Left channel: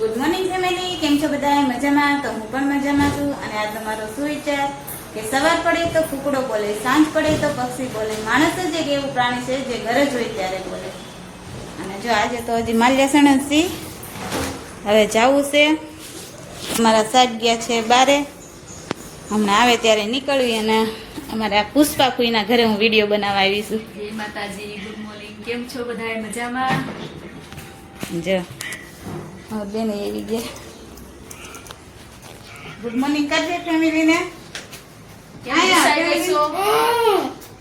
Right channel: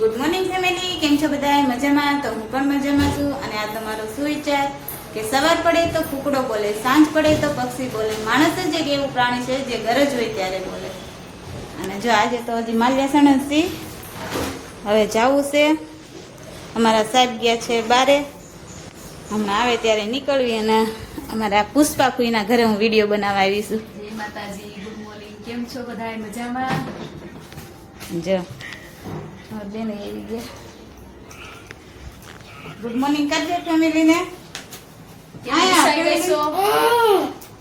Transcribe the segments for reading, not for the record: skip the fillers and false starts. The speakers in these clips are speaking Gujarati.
ગુડ મોર્નિંગ ફેમિલી, કેમ છો બધા? મજામાં? તો હું પણ મજામાં છું. અને આજ તમારો શું વિચાર કે સવાર પડે તો કુકડો બોલે, સાંજ પડે તો પક્ષી બોલે, માણસ જ એક એવું પ્રાણી છે જે ગરજ હોય ત્યારે બોલે. અને જો આજે તો હજી માલ્યાસણ જ છે, હવે જવું છે. અમારા સાહેબ ગયા છે બારે, હમણાં આવે ત્યારે નીકળવી. અને અમારા પુષ્પા ફૂઈના ઘરે હું વિડીયો બનાવવા આવી છું. જય માતાજી, ગુડ મોર્નિંગ. કેમ છો બધા? મજામાં? જો બેન એવી ગયા. ગુડ મોર્નિંગ કરજે ફેમિલીને.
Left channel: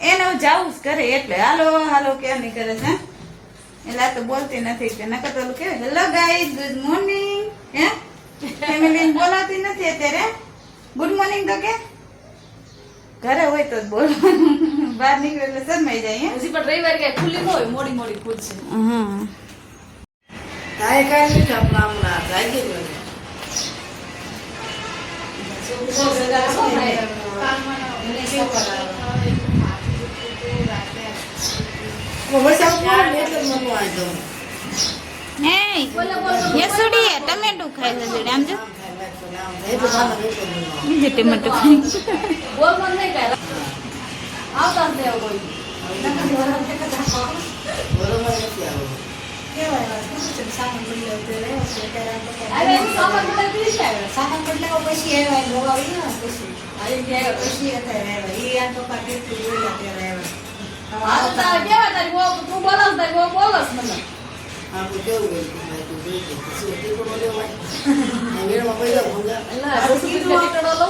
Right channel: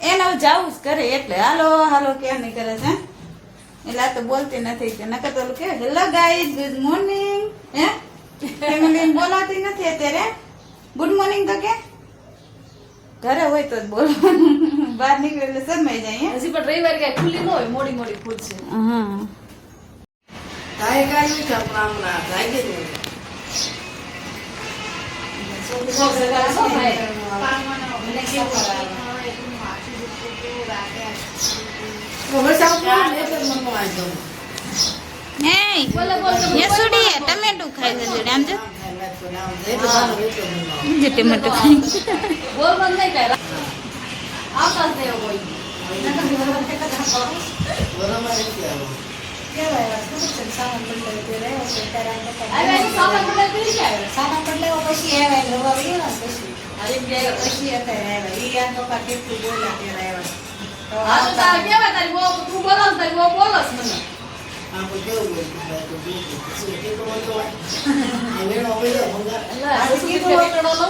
એને હવે જાવું જ કરે એટલે હાલો હાલો ક્યાં નહીં કરે છે. એટલે આ તો બોલતી નથી કે નકર તો ઓલું કે હેલો ગાઈઝ ગુડ મોર્નિંગ હે ફેમિલીને બોલાતી નથી અત્યારે. ગુડ મોર્નિંગ તો કે ઘરે હોય તો જ બોલવાનું, બહાર નીકળે એટલે શરમાઈ જાય. હજી પણ રવિવાર કઈ ખુલ્લી ન હોય, મોડી મોડી ખુલશે. હા તાય કાઈ નહીં આપણા હમણાં જાય કે યસુડી ટમેટું ખાય છે જોડે આમ જો જે ટમેટું ખાય બોલ બંધ નહીં કરે. આવતા જ દેવો કોઈ. બરોબર નથી આવો આવે એની સામાન બધા પીરી કે આવે. આવી ગયા પછી. હા તો તારે કેવા તારી બહુ તું બોલસ તારી બહુ બોલસ મને. આપણે કેવું હોય કે ભાઈ તું જોઈ કે શું કે તો મને હોય આ વેણો પૈસા ભંગા અલ્લાહ પછી તો આટલો લો.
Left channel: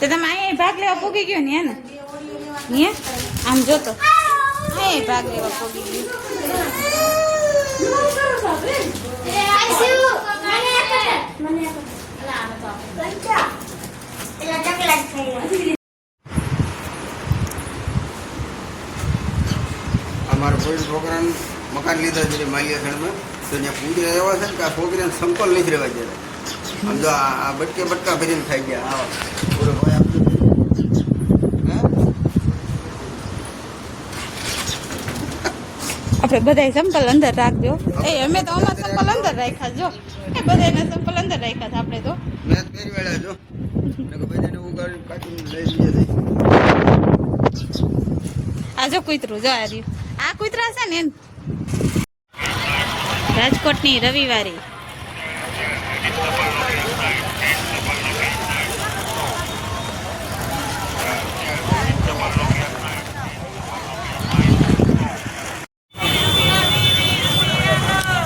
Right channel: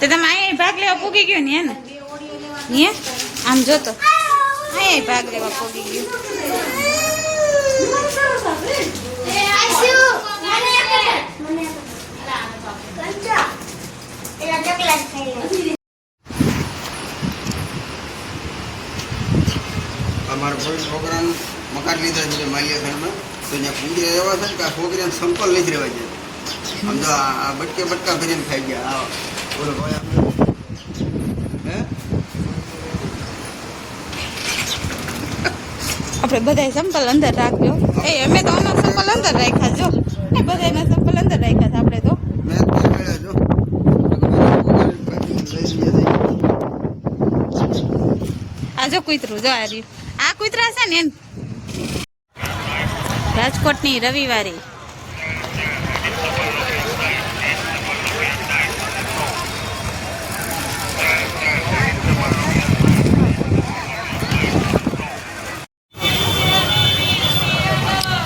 તો તમે અહીંયા ભાગ લેવા પૂગી ગયો ને હે આમ જોતો અહીંયા ભાગ લેવા પૂગી ગયો. અમારો કોઈ છોકરાને મકાન લીધા છે માલિયા સાઈડમાં, તો ત્યાં પૂજા એવા છે ને કે આ છોકરીને સંપલ નથી રહેવા દે. આમ તો આ બટકે બટકા ભરીને ખાઈ ગયા. આવો પૂરો ભાઈ આમ હે આપણે બધા સંપલ અંદર રાખજો. એ અમે તો અમારા સંપલ અંદર રાખ્યા જો, એ બધાના સંપલ અંદર રાખ્યા છે આપણે તો. મેં જ પહેરવેલા જો આ જો કૂતરું જો આ રહ્યું, આ કૂતરા છે ને એમ. રાજકોટની રવિવારી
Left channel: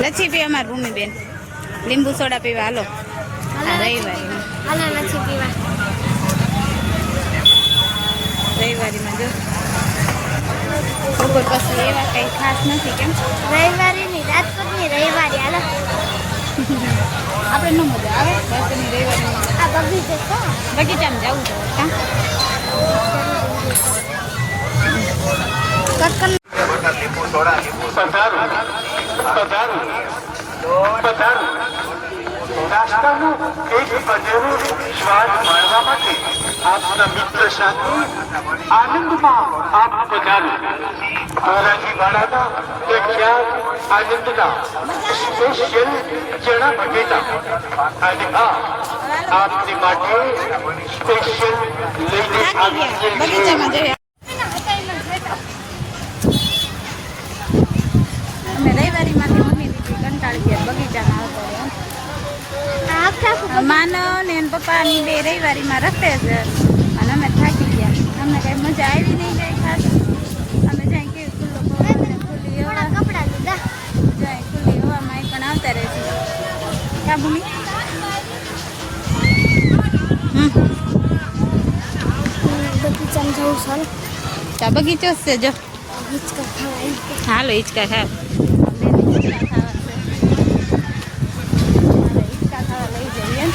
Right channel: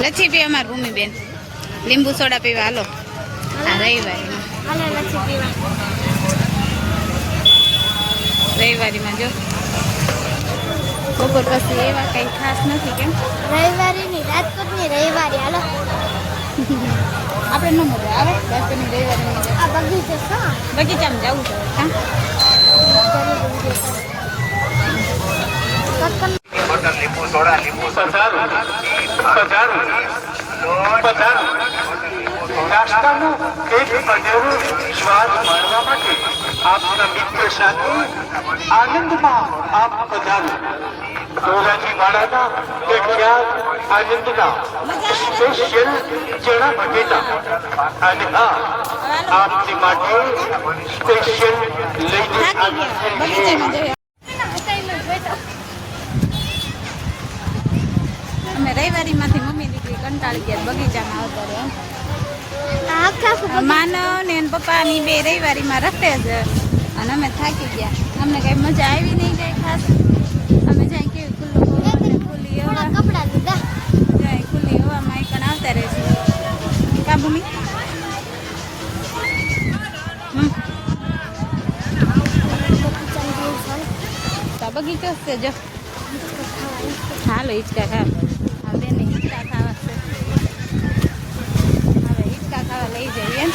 લચ્છી પીવા અમાર ભૂમિબેન, લીંબુ સોડા પીવા હાલો. આ રવિવારીમાં જો બપોર પછી એવા કઈ ખાસ નથી. કેમ રવિવારીની રાજકોટની રવિવારી હાલો આપણે ન મજા આવે રાજકોટની રવિવારી મજા. આ બગીચો છે, બગીચામાં જવું છે કાં નાસ્તાનું એક અનેરો સ્વાદ માણવા માટે આપના મિત્ર સાથે આનંદમાં આપ પધારો. ધોરાજી વાળાના એક યાદ આનંદના સ્પેશિયલ ચણા ભજીકા અને આપની માટે સ્પેશિયલ લઈને આવી છે. બગીચામાં જઈએ. અમે રવિવારીમાંથી મમ્મી દીકરી કંટાળી ગયા, બગીચામાં આવતા રહ્યા. માનવ ને પપ્પાની બે રવિવારીમાં રખડે છે અને અમે થાકી ગયા. અમને કઈ મજા આવી નહીં કઈ ખાસ. અમે જાય કેવી ખુલ્લો ખુલ્લી હવા, કપડા લીધા જાય ખુલ્લી હવામાં એકણ આવતા રહેતી. કા ભૂમિ બગીચો છે જો. હાલો હિંચકા ખાવ. હિંચકા ખાવા છે, મારે હિંચકા ખાવા લઈ જઈએ.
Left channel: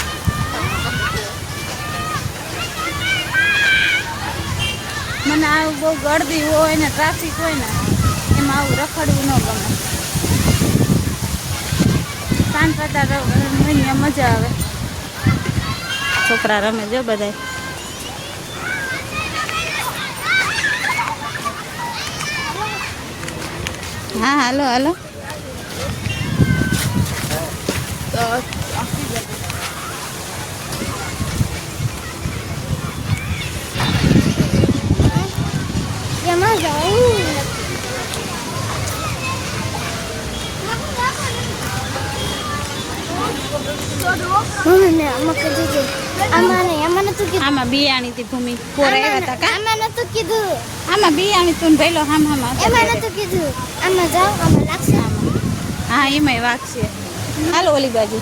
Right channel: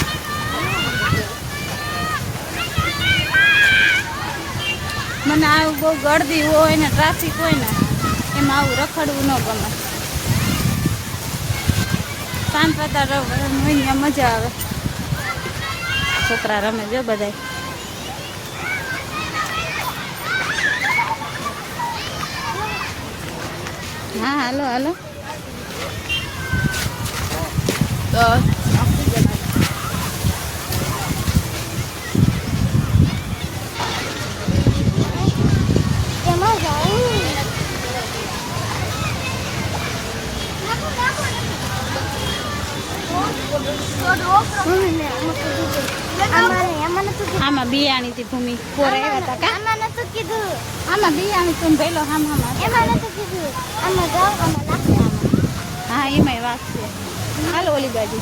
મને આવું બહુ ગળદી હોય ને ટ્રાફિક હોય ને એમાં આવું રખડવું ન ગમે. શાંત વાતાવરણ હોય ને મજા આવે. છોકરા રમે જો બધા. હા હાલો હાલો જમા જવું ને આમાં કીધું આમાં નતું કીધું આમાં બિયાણી થી ભૂમિ પોર આવ્યા હતા કા આમાં નતું કીધું આમાં બિયાણી તું ભેલો હામ હામ એમાં નતું કીધું આમાં જાઓ આમાં લાગશે હા એમાંય વાગશે હાલો ઓલી બાજુ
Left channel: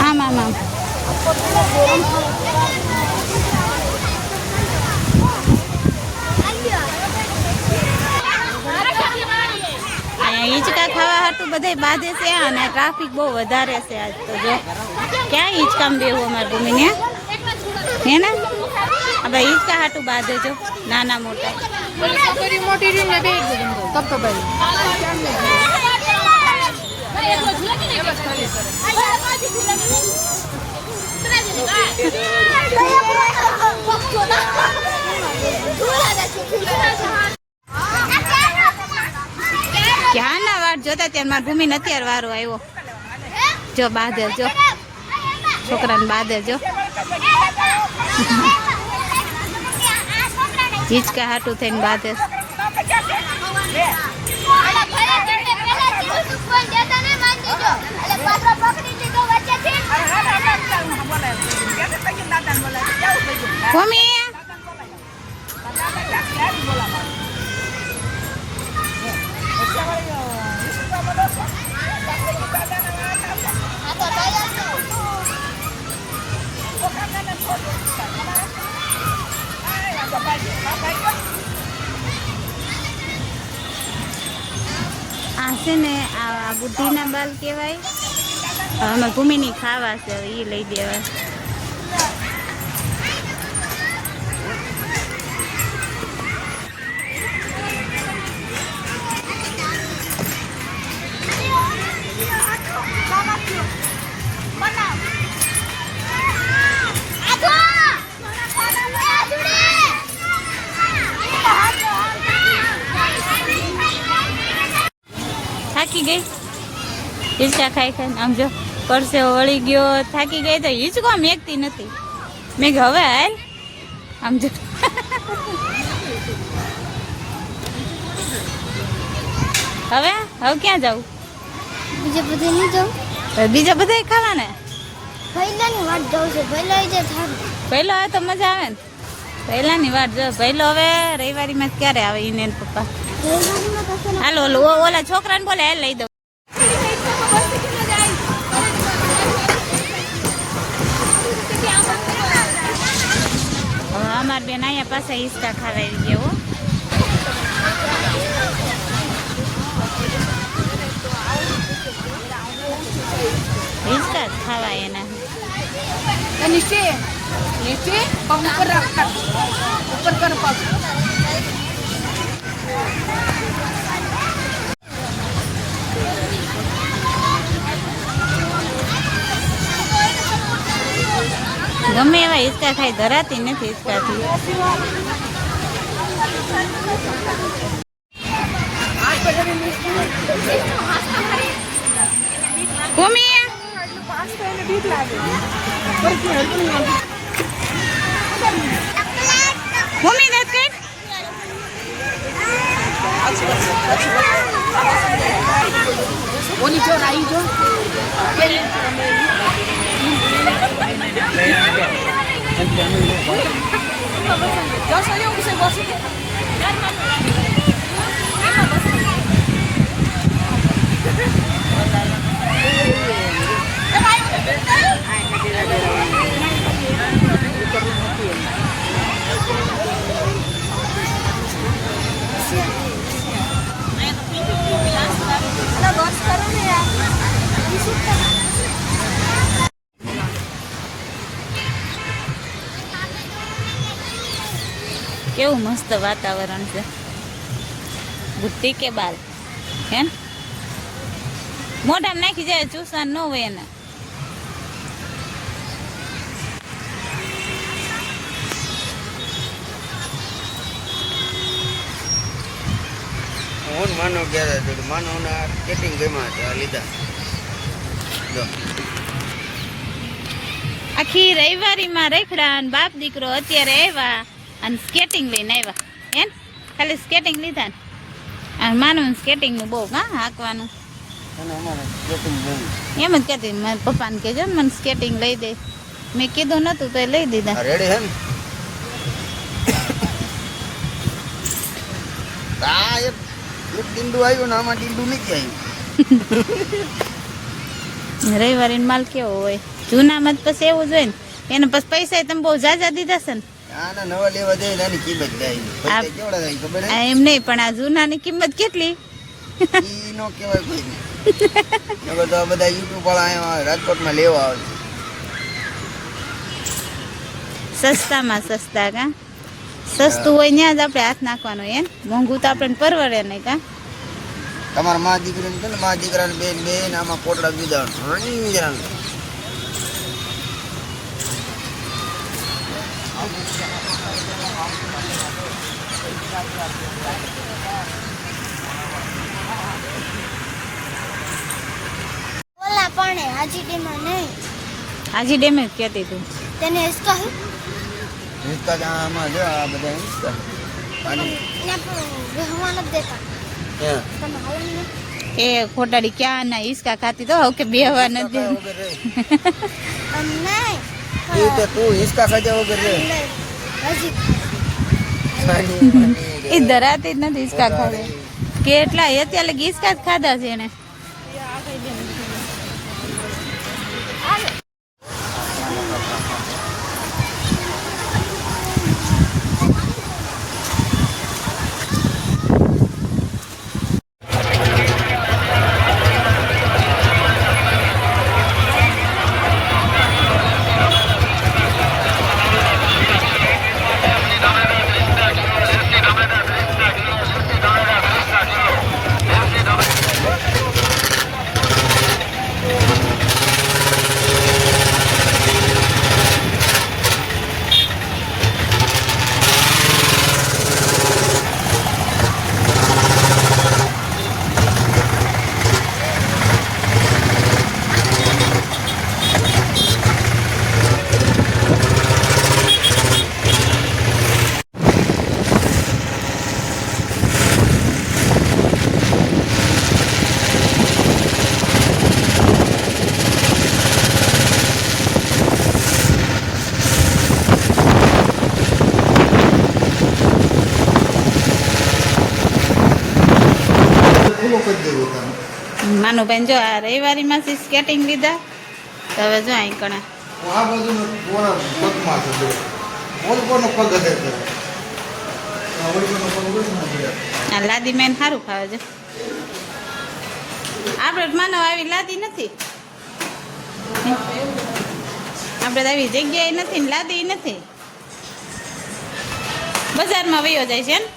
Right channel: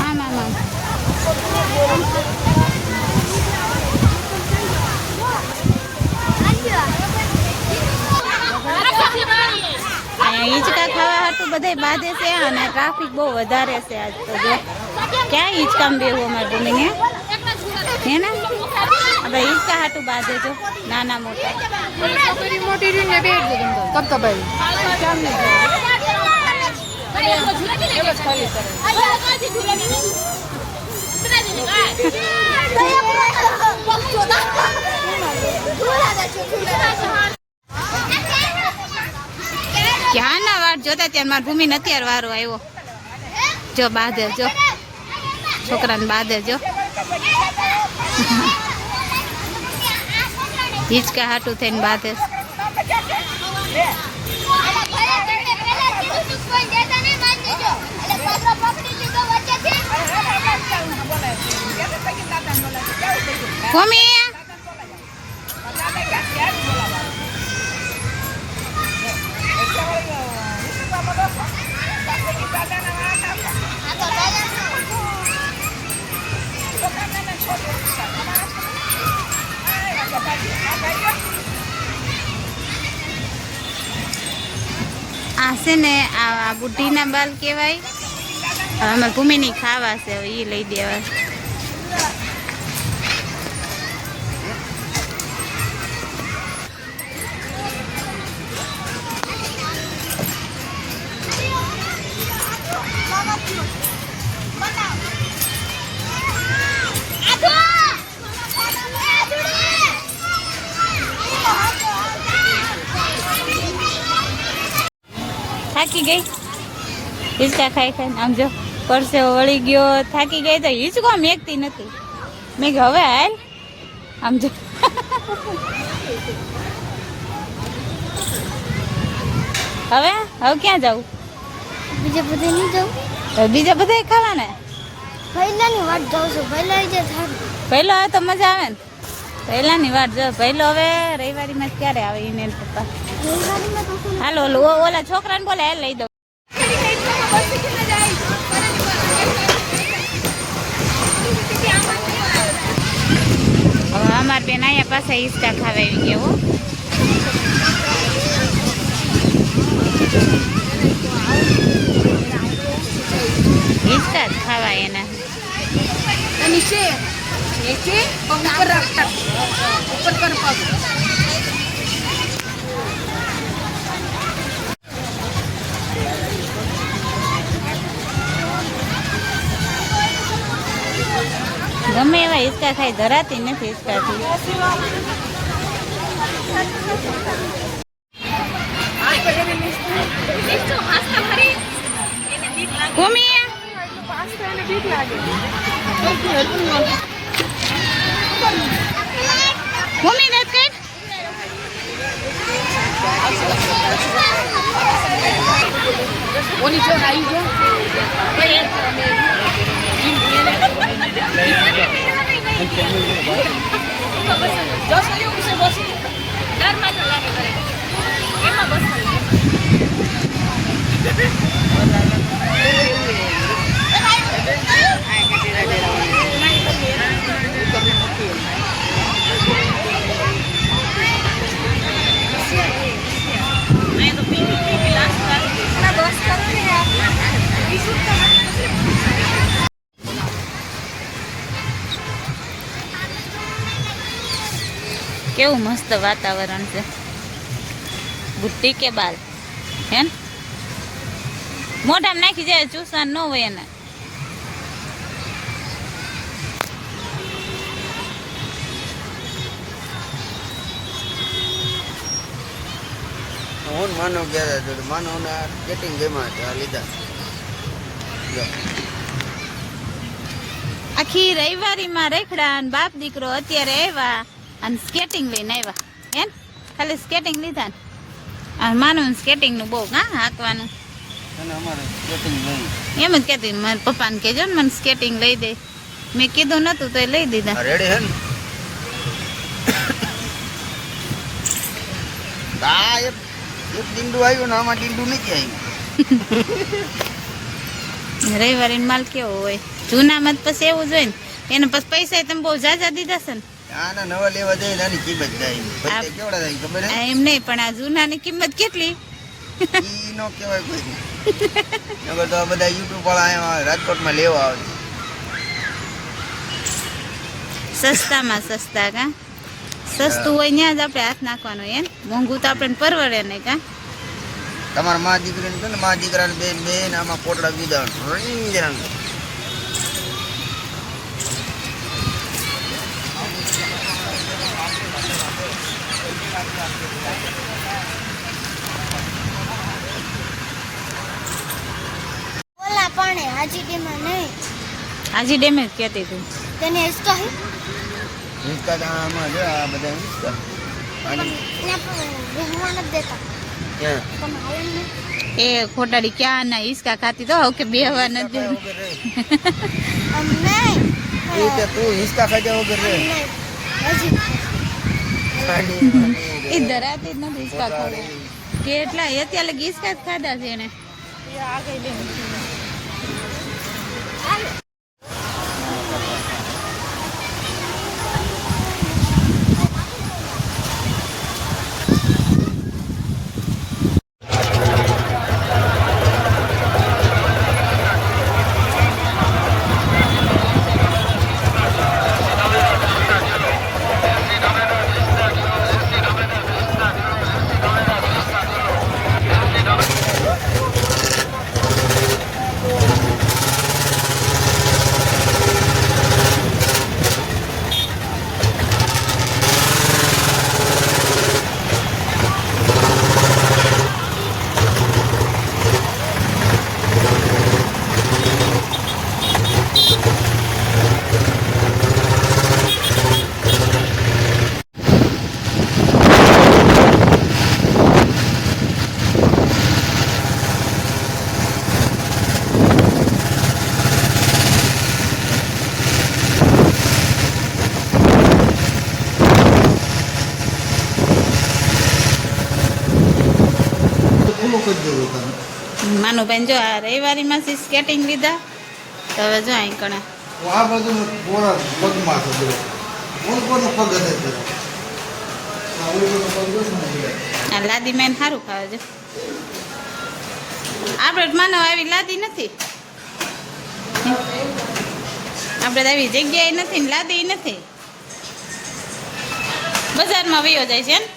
આમ આમ આમ અહીંયા હિંચકા ખાવા હાટું બધે બાંધે છે અને ટ્રાફિક બહુ વધારે છે આજ તો જો ક્યાં હિંચકામાં બેવું અમારે ભૂમિને હે ને હવે હિંચકા હાટું બાંધે જો નાના મોટા ક્યાં ના વાર જોતા ત્યારે મારી ભૂમિ અત્યારે વારો આવ્યો જો બાંધે જો છોકરાને બાંધે જો હિંચકા હાટું થઈને બાંધે ભૂમિ આ છે ને આ બુઢીના બાલ કહેવાય હવે અમારે ભૂમિની ખાવા છે હવે એ લઈ દેવા થાકી ગઈ હિંચકા ખાઈ ખાઈને આમ જો પરસે વળી ગયો થાકી ગઈ તો હિંચકો મેકતી નથી મેં કીધું હવે હાલ આમ જો હવે ક્યાં જાઉં બીજે બધે નહીં જાઉં બીજા બધા ખાવાના પહેલાની વાટ જાઉં છું પહેલા જે થારું પહેલો આવે તો મજા આવે ને પહેલાની વાત જો પહેલો હવે રવિવારીમાં ક્યારે આવે એને પપ્પા રવિવારીમાં તો હાલો ઓલા છોકરાને બોલે હાલ લઈ દઉં હવે અમાર બેન અહીંયા પાસે હિંચકા ખાવા આવી ગયા હો હિંચકા જ ખાવા એના ગમે એવા હિંચકા ખાઈ ધરાતી નથી હિંચકાથી ભૂમિ ભૂમિ દત કઈ ઓલી જો આવી જો કેવું મસ્ત વાતાવરણ છે બુટ્ટી કે બાલ હે મોઢામાં નાખી જાય ચૂસાન ન હોય એને હું માનવ ગયા માનવના સ્કેટિંગ ગેમાં હતા લીધા જો આખી રવિવારીમાં રેખડા અને બાપ દીકરો અત્યારે આવ્યા અને સ્કેટિંગ લઈને આવ્યા એમ ખાલી સ્કેટિંગ લીધા ને અને માનું સ્કેટિંગનું બહુ હા હાંકવાનું અને અમારે સ્કેટિંગ ગેમ એમ જ કહેતી મારા પપ્પાને કહેજો ને મને સ્કેટિંગ લઈ દે મેં કીધું નતું તો એ લઈ દીધા રેડી હે ને આ એક ડીંડું આવ્યું ને આમાં ડીંડું નથી આવ્યું રવિવારી માલ કેવો હોય જૂનામાં જ પછી એવું જ હોય ને એને પછી પૈસા તમે બહુ જાજા દીધા છે ને આના નવા લેવા જાય આની કિંમત જાય પૈસા કેવડા થાય ખબર હે એમ નહીં પણ આ જૂનાની કિંમત કેટલી ઈ નો કહેવાય કોઈ નગર તો આ બધા યુટ્યુબ વાળા અહીંયા રાજકોટમાં લેવા આવે સસ્તામાં સસ્તા કા સસ્તું હોય ત્યાં જ આપણે હાથ નાખવાનો એમ મોંઘું તો આપણે પરવડે નહીં કા તમારા મા દીકરીને છે ને મા દીકરાને બેન બેન આમાં પોટડા દીધા ઓલા પણ હાજી ડેમાં નહીં હાજી ડેમે જ કહેતી તું તેને ઇસકા હે હિંચકા આમાં જો આ બધા હિંચકા પણ એને બેહવા નથી દેતા હે તમે હાલે ને એ ખોટાડી ક્યાં ના હિસકા ખાતી તો હવે કે બેહવા નથી અમને એ તો તું હિંચકા ખાધા વગર રે હજી એ ધરાતી જ નથી હિસકા ખાધા કેટલા એ ત્યાં લગી હિસકા જ ખાધા છે એને આગળ બેન માનુભાઈ જો આ રવિવારીમાં સ્કેટિંગ લીધા તો હવે જો અહીં કણે આ બધું પગમાં છે ઓલકોનો પગ હશે આ ઓલકોનો પગ છે આ લાદી મેન સારું ખાવે છે આપણે માનવ આવી લાદી નથી આપણે તો આવી જગ્યાએ નથી ને લાદી નથી બજારમાં વયો જાય છે ને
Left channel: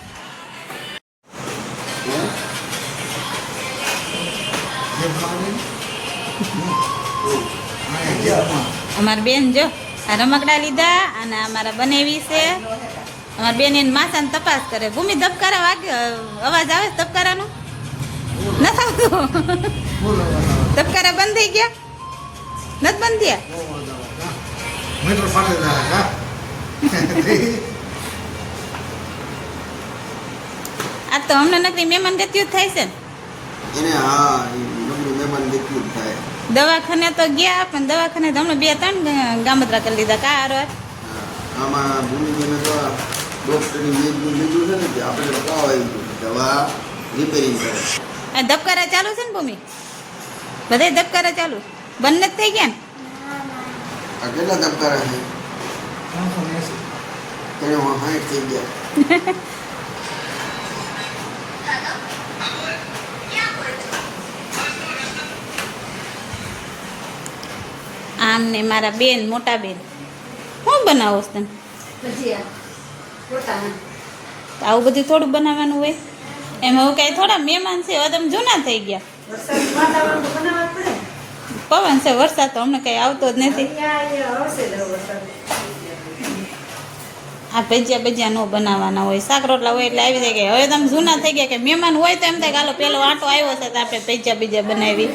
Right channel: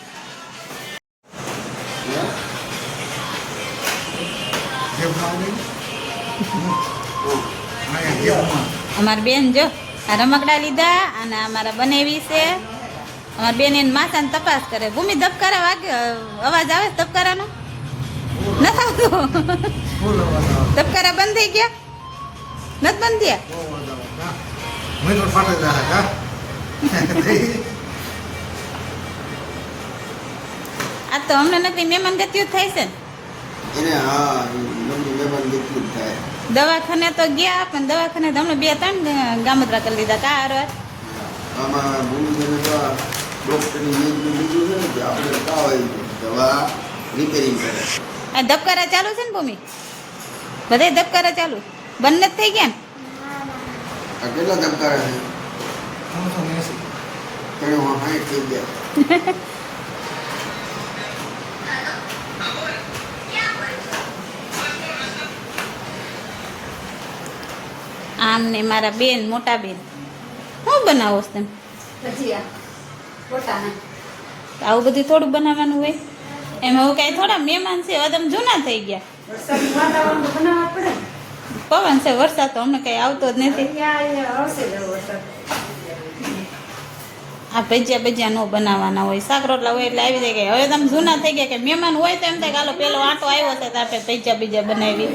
અમારી બેન જો આ રમકડા લીધા અને અમારા બનેવી છે અમારી બેન એને માથાને તપાસ કરે ભૂમિ ધબકારા વાગે અવાજ આવે છે ધબકારાનો નથી આવતો ધબકારા બંધ થઈ ગયા નથી બંધ થયા આ તો અમને નકરી મહેમાન ગતિઓ થાય છે ને એને હા નબળી મહેમાન જેટલું જ થાય દવાખાને તો ગયા પણ દવાખાને તો હમણાં 2-3 ગામત્રા કરી લીધા કા હારવાર આમાં ભૂમિબેને તો આ ડૉક્ટરની વેજનું લીધું છે ને કે આપણે તાવ આવી ગયો દવા રિપેરિંગ કરે આ ધબકારા ચાલુ છે ને ભૂમિ બધાય ધબકારા ચાલુ બંને જ થઈ ગયા ને આ કેટલા ધબકારા છે એને 60 થઈ ગયા આમ ને મારા બેન મોટા બેન શું બનાવો છો તમે આવું બધું થોડું બનાવવાનું હોય એમાં હવે કાંઈ થોડા મહેમાન છે હવે તમે જૂના થઈ ગયા પવન છે વરસાદ તો અમને કઈ આવતો જ નથી આ ભજીયા ન બનાવવાના હોય, શાક રોટલા હોય એટલે આવી જાય કે હવે તમે જૂના થઈ ગયા કે મહેમાન હોય તો એમ થાય કે હાલો પેલો આટો આવ્યો છે તો આપણે ભજીયા બનાવી.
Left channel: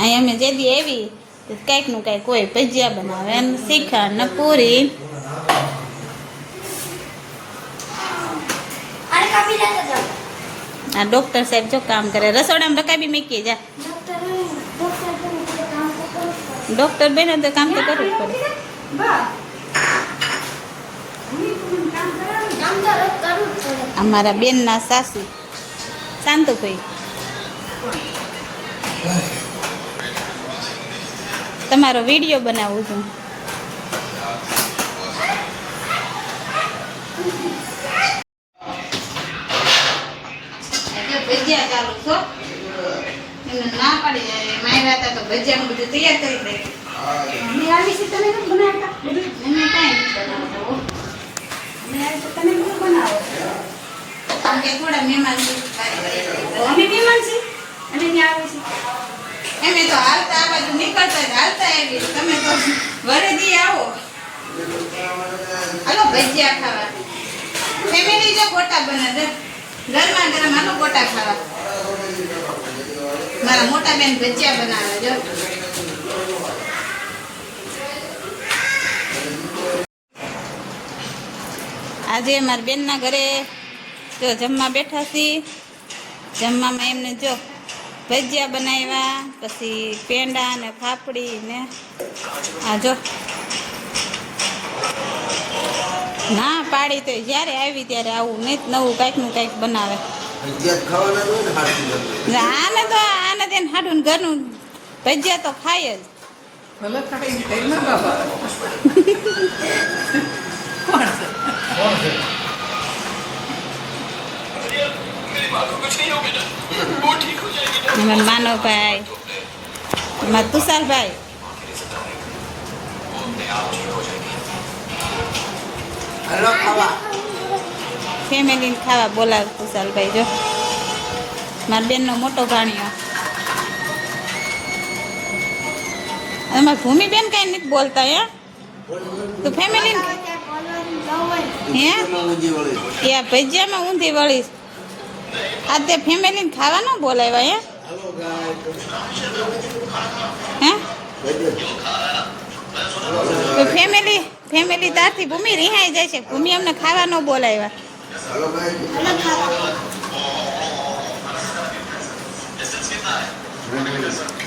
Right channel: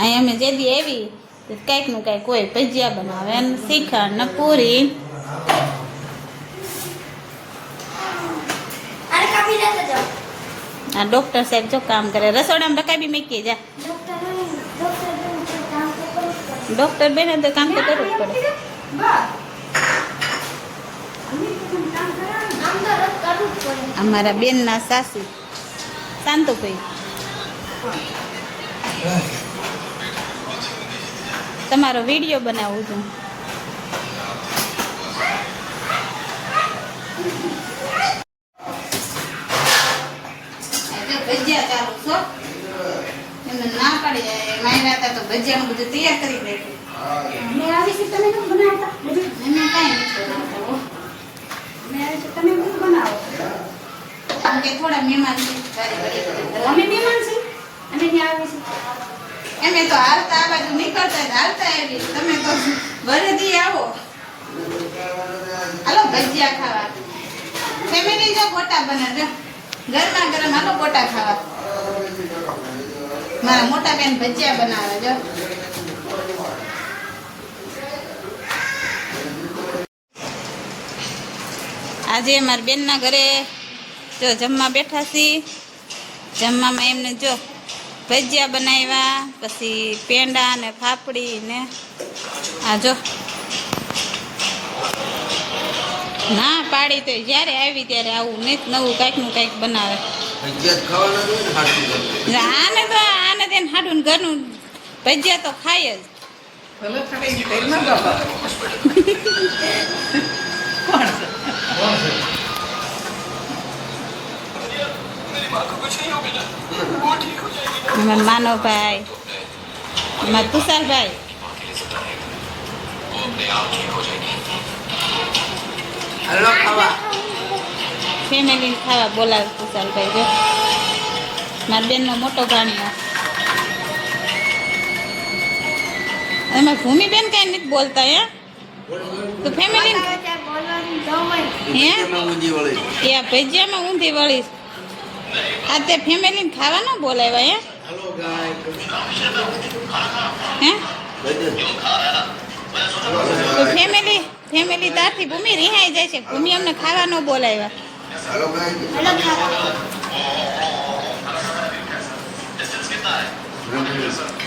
અહીં અમે જે દી આવી તો કંઈક નું કંઈક હોય, ભજીયા બનાવે ને શ્રીખંડ ને પૂરી. આ ડોક્ટર સાહેબ જો કામ કરે, રસોડામાં રકાબી મૂકી જા. ડોક્ટર બેને તો કામ તો કરવું જ પડે. અમારા બેનના સાસુ શાંતુભાઈ, તમારો વિડીયો બનાવું છું. ભજીયા ચાલુ છો એમને ના પાડી માયરા હતા તો ભજીયાનું બધું તૈયાર કરી દે. અમે આવી છે તમે કેમ બનાવતા? બધું અમે કાંઈ નથી બનાવતા. અમે આવી તો તમે કેમ બનાવો? કારણ કે થોડા મહેમાન છે. અમે મહેમાન છીએ, અમે ત્યાં આવે છે. અમે તો હાલતા આ બાજુ નીકળતા હાલતા આવી, તમે તો વરેદી આવો. હાલો ભજીયા ખાવા. ફેમિલી જો ગોટા બનાવે, ગરમા ગરમ હાલો ગોટા ખાવા. મારા મોટા બેન ભજીયા બનાવે જો. આજે મારા બેનના ઘરે જો જમવા બેઠા છીએ. જમવામાં એમને જો ભજીયા બનાવ્યા, પછી પેંડા ને ફાફડી ને આ જો. ના પાડી તો જ્યારે આવી ત્યારે આવું નહીં નવું કાંઈક નું કાંઈક બનાવે. આને તો આને તેને હાડું ઘરનું ભજીયા તો ખાય જ. અમારા માનવભાઈ, અમારા તુષારભાઈ, ફેમિલી ખાવા બોલાવે તુષારભાઈ જો. મારા બેનનો મોટો ભાણિયો. અમારા ભૂમિબેન કઈ નથી બોલતા હે તો ફેમિલી હે એ ભજીયામાં ઊંધી વળીશ. આ તે ફેમિલીને ખાવા ન બોલાવ્યા હે તો ફેમિલી તારથી ભૂમિ રિહાઈ જાય છે. ભૂમિ અમને ખાવા ન બોલાવ્યા.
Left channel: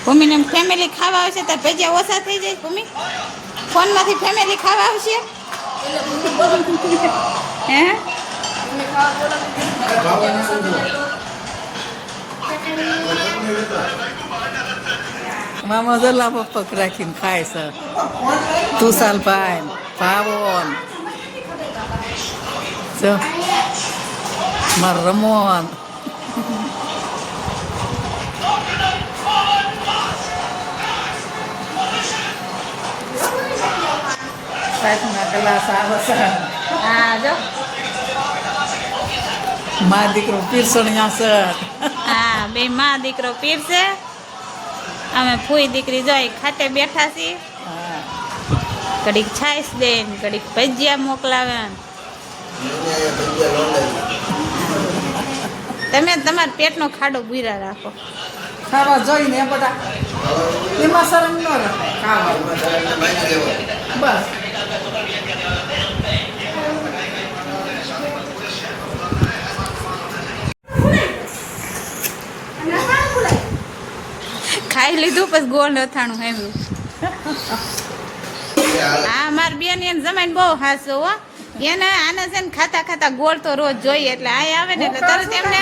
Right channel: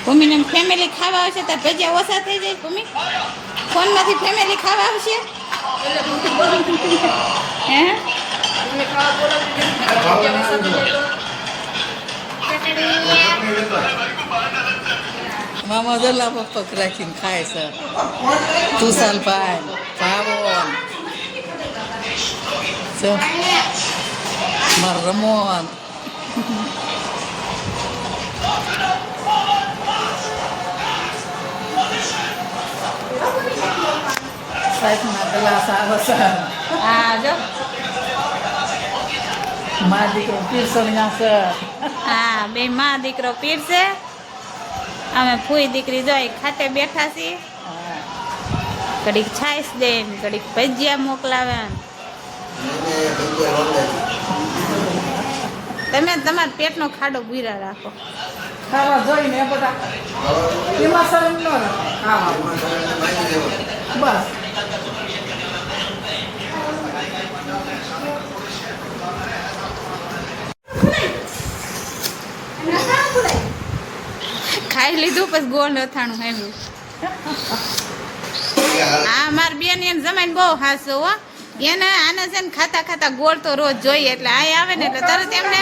ભૂમિને ફેમિલી ખાવા આવશે તો ભજીયા ઓછા થઈ જાય. ભૂમિ ફોનમાંથી ફેમિલી ખાવા આવશે હે મામા દોલા પપ્પક રાખીને ખાય છે. તુષારભાઈ, ભાવન, મારા રમોન. સાહેબના ગ્લાસ આવે છે. હા જો મા દીકરો પીરસણિયા છે. હા બે માં દીકરો પીરસે. અમે ફૂઈ દીકરી જોઈ ખાતે બેઠા છીએ. ઘડીક છાશ દે ને ઘડીક ભજીયા મોકલાવે. તમે તમારા પેટનો ખાડો ભૂરા રાખો. ખાવા જોઈને બધા એમાં શરમ ન રહે. ખાવા બસ ખાઈ લીધું પછી ગોળ અથાણું આવ્યું. હા મારી બેન એમ જમાઈને બહુ હાસો હો. એને આને છે ને ખાતા ખાતા ગોળ તો રોજ જોઈએ એટલે આ આવે ને એટલે તરત એમને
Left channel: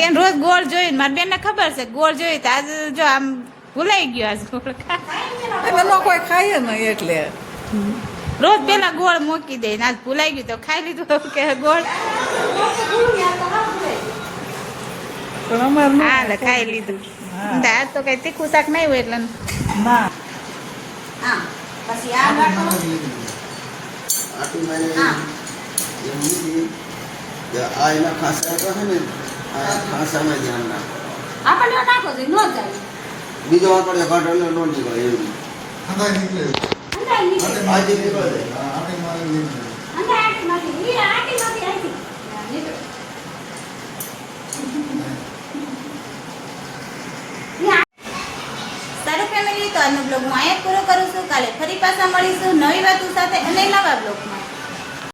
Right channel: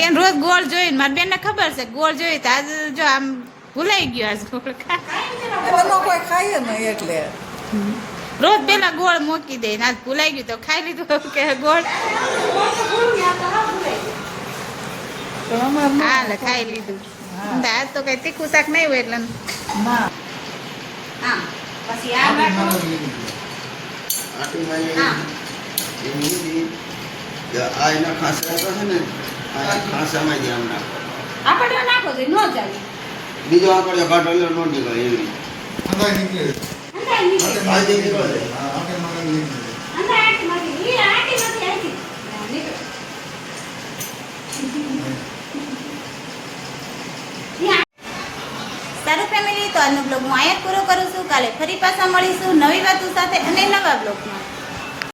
કે રોજ ગોળ જોઈએ. મારી બેન ને ખબર છે ગોળ જોઈએ તો આજે જો આમ ભૂલાઈ ગયો. આજ ગોળ કોઈ ખાય નહીં એટલે રોજ પેલા ગોળ મૂકી દે. આજ ભૂલાઈ ગયું તો ખાઈ લીધું કે ગોળ. હા ખાઈ લીધું. આજ તો કઈ તીખું શાક નહીં હોય એટલે પછી આ એના ખાસા તો છે ને ખાસામાં જ આમ નાખો. આપણે નાખો છે નો જાય. બીજો આંકડો ઘાટો એટલે નો નીકળે એવી રીતે અંધાઈ નીકળે આજે નીકળે આપણે મારે નીકળે સારું ફેમિલી, તો આજનો બ્લોગ હું અહીંયા જ પૂરો કરું છું. કાલે ફરી પાછા મળીશું નવી વાતો સાથે અને નવા બ્લોગમાં.